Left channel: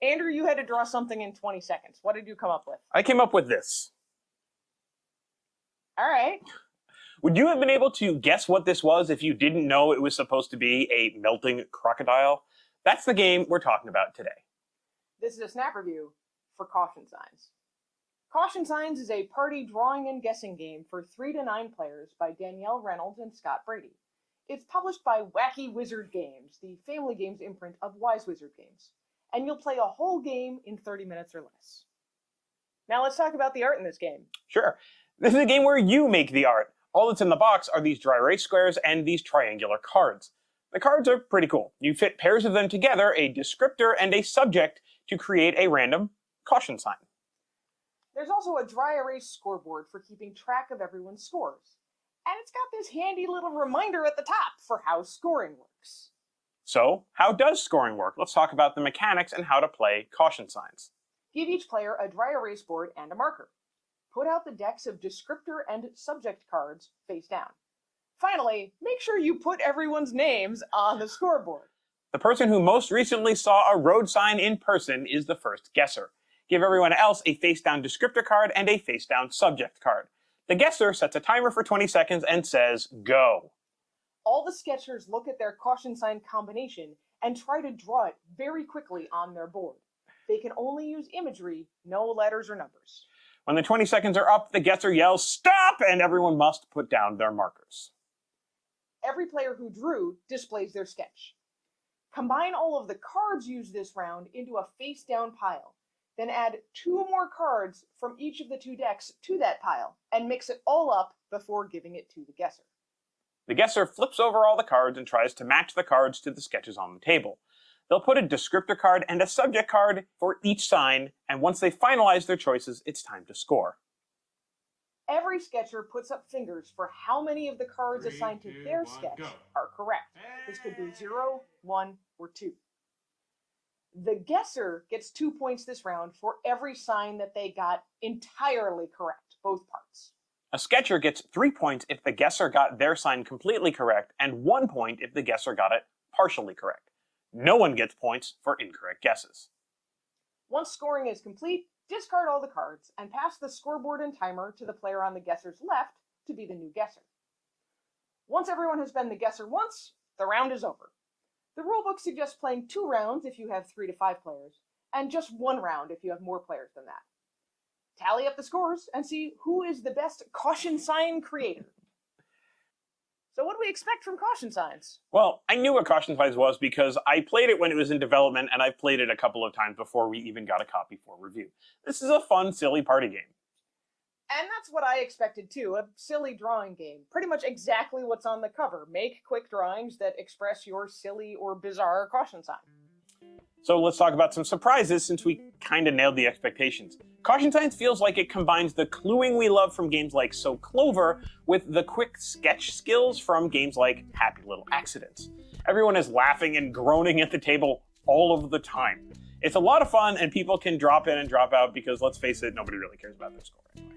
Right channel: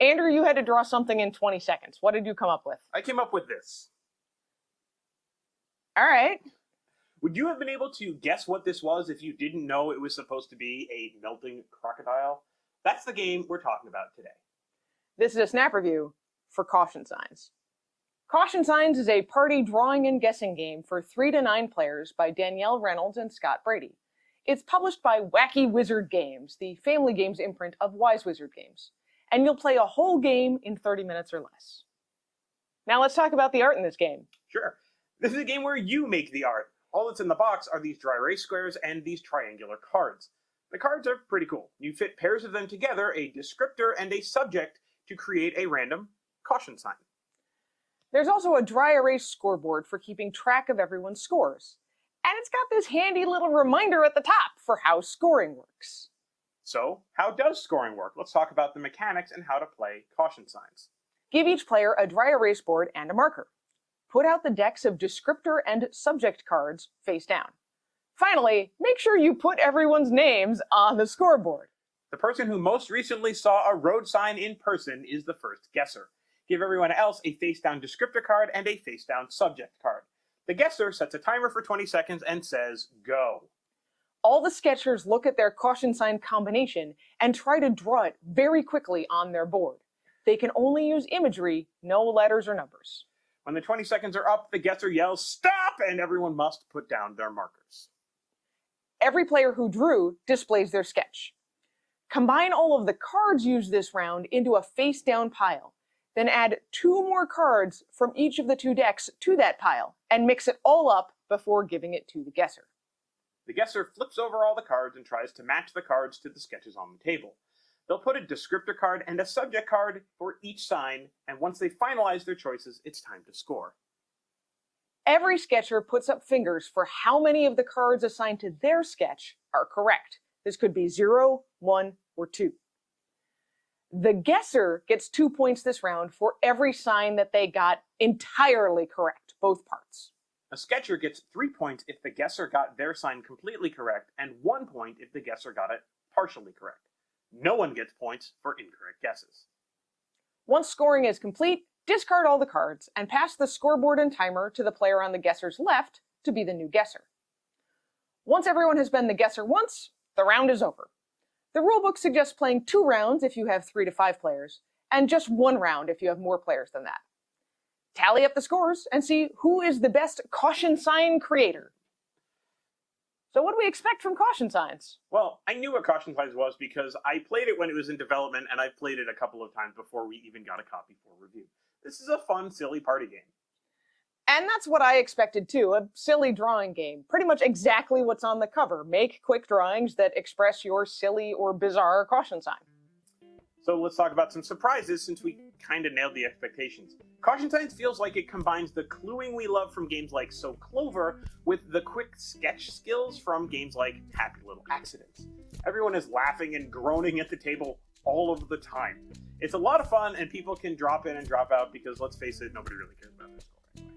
Andrew, you had to draw something in 20 seconds. What did you come up with? I came up with this. All right. Would you have been able to guess what this was if you didn't know it was supposed to be a melting crocodile? That's the game we're talking about today. This is a snap review for Caution Signs. Caution Signs is a party drawing and guessing game for 3 to 9 players by Danielle Reynolds and Scott Brady. It's published by Wacky Wizard Games, the family games imprint of Wise Wizard Games. And you'll play a whole game in 30 minutes or less. Now let's talk about the art in this game. Sure. This is a game where you make the art. All that's in the box are these dry erase squares and these triangular cards. The cards are pretty cool. You fit pairs of them together, a descriptor and a subject, to create a random caution sign. There's also a dry erase scoreboard for keeping track of everyone's scores. And it's got this handy little reminder at the top for how scoring works. So, how does scoring work? Let's talk about the mechanics and how to play caution signs. Give each player a dry erase board and a marker. Put out the decks of descriptor and subject cards face down. Finally, make sure you put everyone's names on the scoreboard. The person who most recently saw a road sign in person is the first guesser. Give everyone else a face-down descriptor card and a face-down subject card. The guesser sets a timer for 20 seconds and says, go. All the sketchers look at their caution sign combination and try to draw it very quickly on their board. They can only use imagery, no letters or numbers. When the 20 seconds are up, the guesser yells, stop, and everyone must put down their markers. Every player who drew displays their sketch. Combine all of the cards used this round into a face-down pile. Then add 2 more cards from each of the 2 decks to that pile and mix it all up before giving it to the guesser. The guesser flips over all the cards and tries to match the cards to the sketches on the table. They'll put a descriptor card and a subject card for each sign, and once they finalize their choices, it's time to score. Every sketcher puts up fingers for how many of the cards assigned to their sketch are correct. This could be 0, 1, or 2. The guesser gets 2 points this round for every sign that they got entirely correct, both parts. A sketcher gets 3 points if the guesser got their sign completely correct, and 1 point if the guesser got it partially correct. No one gets points for incorrect guesses. Once scoring is complete, discard all the cards and pass the scoreboard and timer to the player on the guesser's left to be the new guesser. Once everyone has been the guesser once, the round is over. The rulebook suggests playing 2 rounds if you have 3 to 5 players, and just 1 round if you have more players than that. Tally up the scores and see who is the best caution sign creator. So what do we expect from caution signs? Well, I knew what caution signs was because I played it when it was in development, and I played it a couple of times before we even got a copy for review. This is a fun, silly party game. And that's what I expected too, a silly drawing game. Pretty much exactly what's on the cover. Make quick drawings that express your silly or bizarre caution sign. So let's talk about some surprises since we kind of nailed the expectations. Caution Signs feels like it combines the cluing we love from games like So Clover with the quick sketch skills from games like Happy Little Accidents. Everyone is laughing and groaning at the table all of the time. It's a lot of fun and people can drop in and drop out because, let's face it, nobody really cares about their score anyway.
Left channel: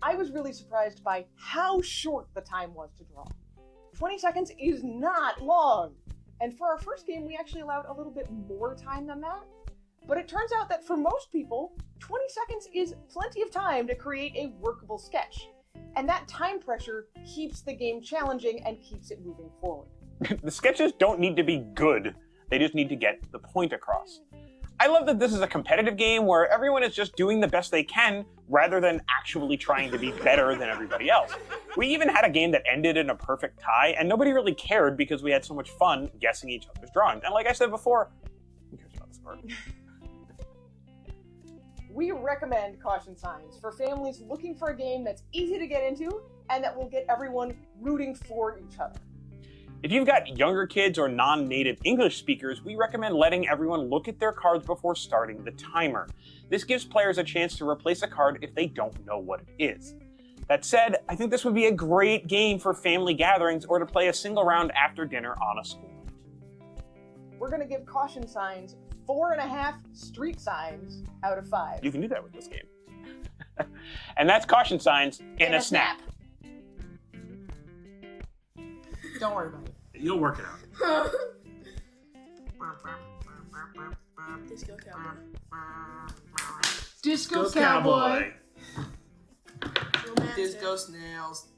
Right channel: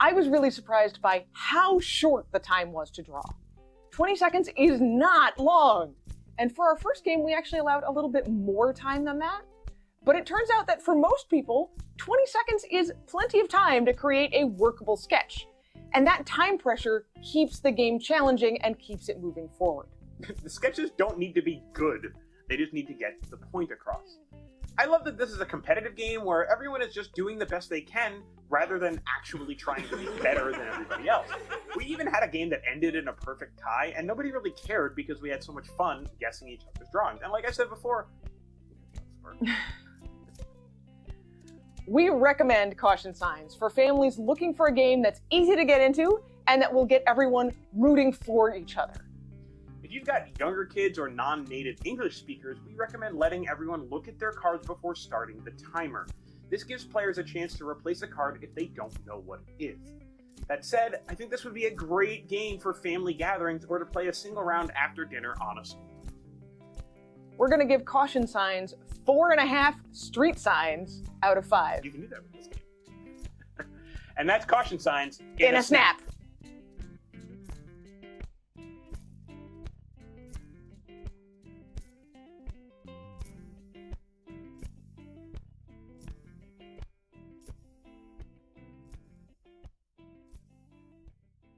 I was really surprised by how short the time was to draw. 20 seconds is not long. And for our first game, we actually allowed a little bit more time than that. But it turns out that for most people, 20 seconds is plenty of time to create a workable sketch. And that time pressure keeps the game challenging and keeps it moving forward. The sketches don't need to be good. They just need to get the point across. I love that this is a competitive game where everyone is just doing the best they can rather than actually trying to be better than everybody else. We even had a game that ended in a perfect tie, and nobody really cared because we had so much fun guessing each other's drawings. And like I said before, who cares about the score? We recommend Caution Signs for families looking for a game that's easy to get into and that will get everyone rooting for each other. If you've got younger kids or non-native English speakers, we recommend letting everyone look at their cards before starting the timer. This gives players a chance to replace a card if they don't know what it is. That said, I think this would be a great game for family gatherings or to play a single round after dinner on a school night. We're going to give Caution Signs 4.5 street signs out of 5. You can do that with this game. And that's Caution Signs in a snap. Don't worry about it. You'll work it out. This goes Disco Cowboy. Disco Snails.